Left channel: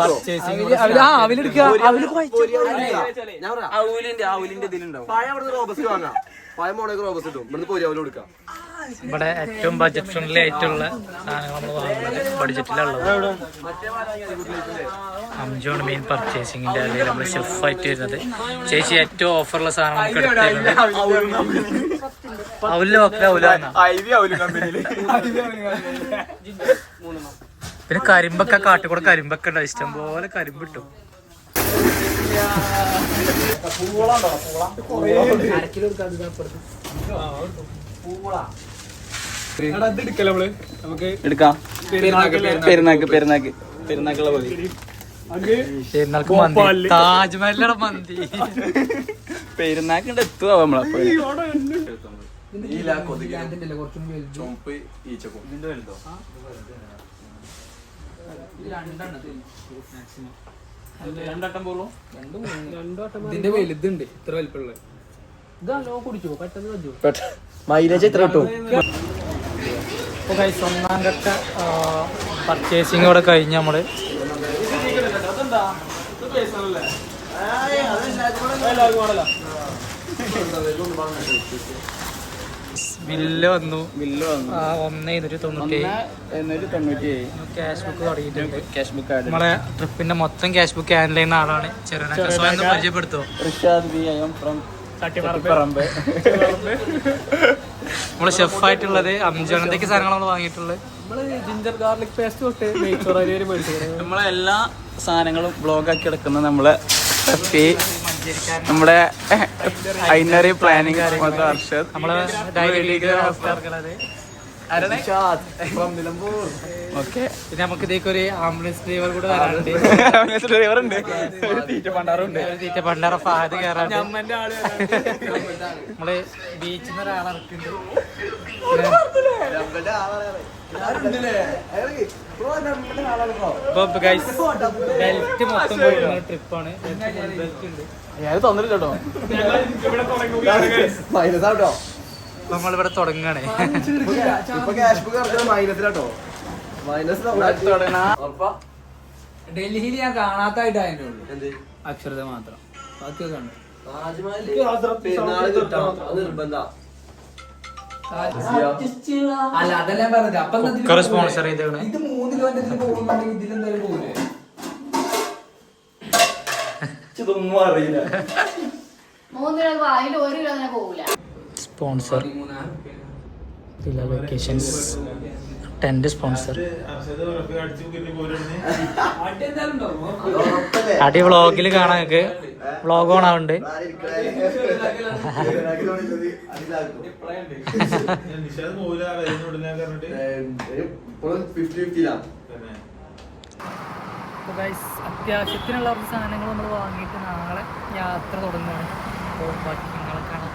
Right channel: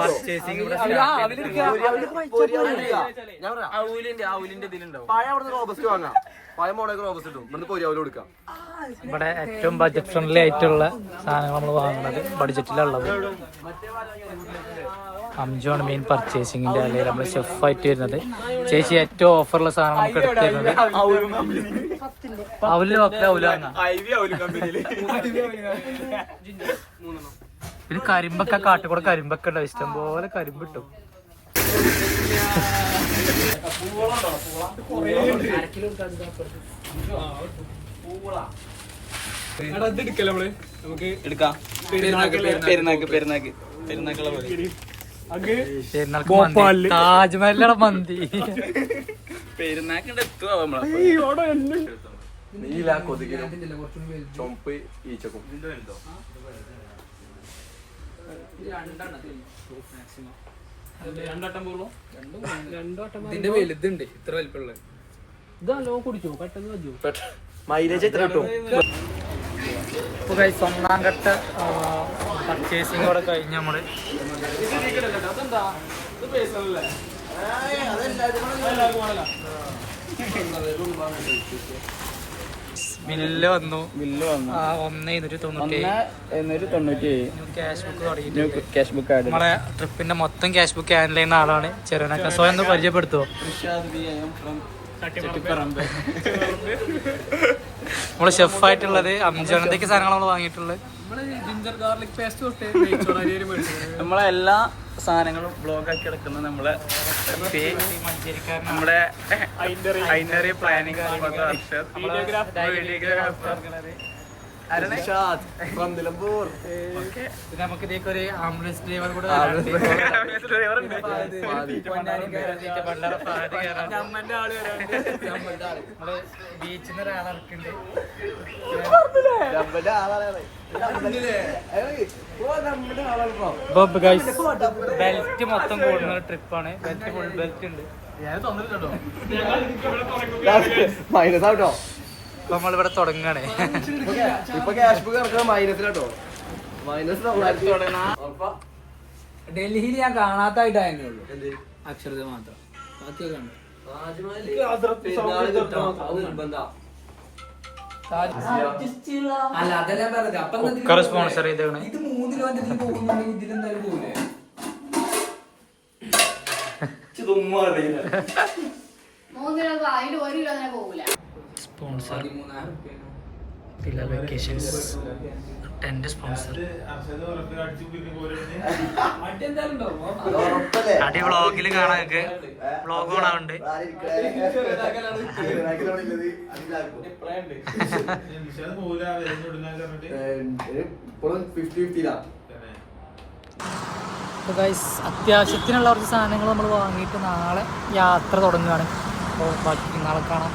Purchasing ഇവിടെ ഏറ്റവും budget friendly ആയിട്ടുള്ള സാധനങ്ങൾ നമ്മൾ വാങ്ങുന്നത് ബഡ്ജറ്റിലുള്ളത്. അംജോണ് മെയിൻ പർച്ചേസിങ്ങിന്റെ അല്ലെങ്കിൽ നമ്മൾ ഷെഫായിട്ട് വരുന്നത്. ചേച്ചി ഏറ്റവും ഓഫറുള്ള സാധനം നമുക്ക് എടുത്തു തരുന്നത് അവല് വെക്കല പിന്നെ കരിമ്പൊക്കെ കാട്ടിക്കൂടെ കരിമ്പൊക്കെ ഉണ്ടാവും. ഇഷ്ടം പോലെ കരിമ്പ് കിട്ടും. പെരുന്നാൾക്ക് മന്തി, താജ്മഹലിന്റെ മന്തി പെരുന്നാക്കിന്റെ എത്തുക നമ്മളെ ഇതിന്റെ വലുതുണ്ട്, ഇത്ര വലിപ്പമുള്ള ഇതല്ലോ കുടിച്ചു പെട്ടെന്ന് മൈലേജ് എത്ര കിട്ടും? ഒന്നാം ഘട്ട പർച്ചേസിംഗ് ഇവിടെ കഴിഞ്ഞ് നമ്മള് ബില്ല് വന്നു. 1,297 ക്യാഷ് ബുക്ക് തുടങ്ങിയിട്ടുണ്ട്. ക്യാഷ് ബുക്ക് നമ്മളെ ട്രിപ്പിന്റെ മൊത്തം ക്യാഷ് ബുക്ക് ഹാൻഡിൽ ചെയ്യുന്ന ആളാണ് ചെറുനക്ക. സ്വയം പരിചയപ്പെടുത്തുമോ? നമ്മള് ഷെഫായിട്ടുള്ളത് അംജോണത്തേക്ക് സാധനങ്ങൾ നമ്മൾ വാങ്ങിയിട്ടുള്ളത്. ജിഞ്ചർ ഗാർലിക് പേസ്റ്റ് തൊട്ട് നമ്മളെ എല്ലാ സാധനങ്ങളും ബ്ലോഗാക്കി എടുക്കുന്നത് നമ്മളെ നമ്മുടെ ഐനറി പ്ലാനിങ് ഓക്കെ. പിന്നെ നമുക്ക് ഇതേക്കൊരു ആംബുലൻസ് ഡ്രൈവർ കൂടെ തരാറുണ്ട്. പണ്ടാറ ഫാദ് കയറാറുണ്ട്. നമ്മള് ബീച്ചിൽ നിന്ന് ഒരാളെ ഇറക്കുന്നുണ്ട്. ബെൽറ്റ് മൊത്തം കൂടുന്ന ട്രിപ്പാണ്. ബെൽറ്റ് ഉണ്ട്. നമ്മളിവിടെ തുടങ്ങാണ്. ഡൽഹിയിൽ ഞാൻ കാണാത്തായിട്ടായിരുന്നു അക്ഷരത മാത്രം. അല്ല അതല്ല പറഞ്ഞത്. അപ്പൊ സ്പോൺസർ ചെയ്തേക്കണേ. ഇത് 3 കിലോമീറ്റർ പോകുന്നുണ്ടെങ്കിൽ ഇതിലെന്തായാലും പോകില്ലേ? സ്പോൺസർ വെക്കേഷൻസ് ടെന്റ് സ്പോൺസർ അടി വ്ളോഗിൽ കാണാൻ. വ്ളോഗ് ഓണാവുണ്ട്. അപ്പോൾ ഗൈസ് അത്യാവശ്യത്തിനുള്ള കുറച്ച് സാധനങ്ങൾ നമ്മൾ വാങ്ങിയിട്ട് നാളെ യാത്ര തുടങ്ങുകയാണ്. അപ്പോൾ ബാക്കി നാളെ കാണാം.